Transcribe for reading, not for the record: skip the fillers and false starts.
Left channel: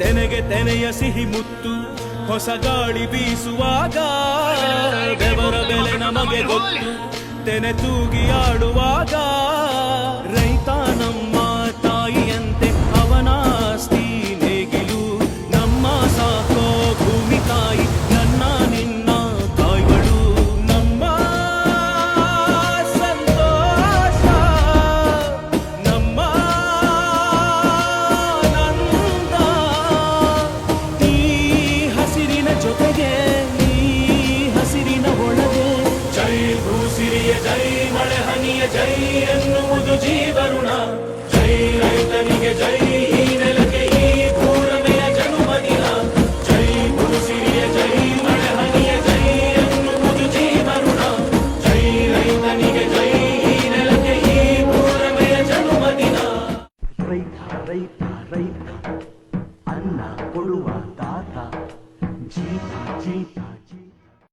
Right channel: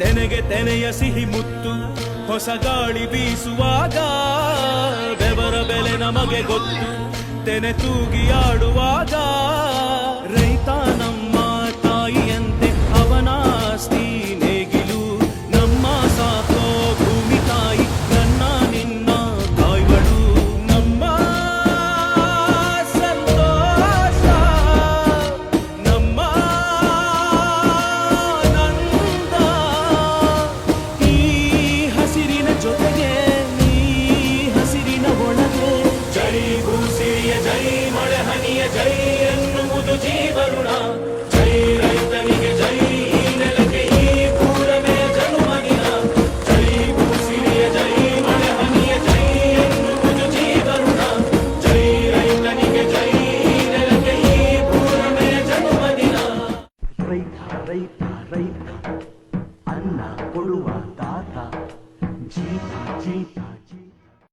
ತೆನೆಗೆ ತೆನೆಯ ಸಿಹಿ ಮುತ್ತು ಹೊಸ ಗಾಳಿ ಬೀಸುವಾಗ ಬೆವರ ಬೆಲೆ ನಮಗೆ ಗೊತ್ತು ತೆನೆ ತೂಗಿ ಆಡುವಾಗ ರೈತ ನಮ್ಮ ತಾಯಿಯಂತೆ ಅವನಾಸ್ತಿ ನೇಗಿಲು ನಮ್ಮ ಸಾಕೋ ಭೂಮಿ ತಾಯಿ ನನ್ನ ನಿನ್ನ ಕಾಯ್ವಳು ನಮ್ಮ ಸಂತೋಷ ನಮ್ಮ ನಂದ ಈ ಹಸಿರಿನ ಜೊತೆಗೆ ಈ ಹಸಿರಿನ ಒಳಗೆ ಜೈ ಭೂಸಿರಿಯ ಜೈ ಮಳೆ ಹನಿಯ ಜೈ ಎನ್ನುವುದು ಜೀವರುಣ ಜೈ ರೈತನಿಗೆ ಜೈ ಈ ನೆಲಕ್ಕೆ ಈ ಪೂರನೆಯ ಜನ್ಮದಿನ ಜೈ ಭೂಸಿರಿಯ ಜೈ ಮಳೆ ಹನಿಯ ಜೈ ಎನ್ನುವುದು ಜೀವರುಣ ಜೈ ರೈತನಿಗೆ ಜೈ ಈ ನೆಲಕ್ಕೆ ಈ ಪೂರನೆಯ ಜನ್ಮದಿನ ರೈತ ರೈತ ರೈತ ಅನ್ನ ಕೊಡುವ ತಾತ ಜೀತ ಜೀತ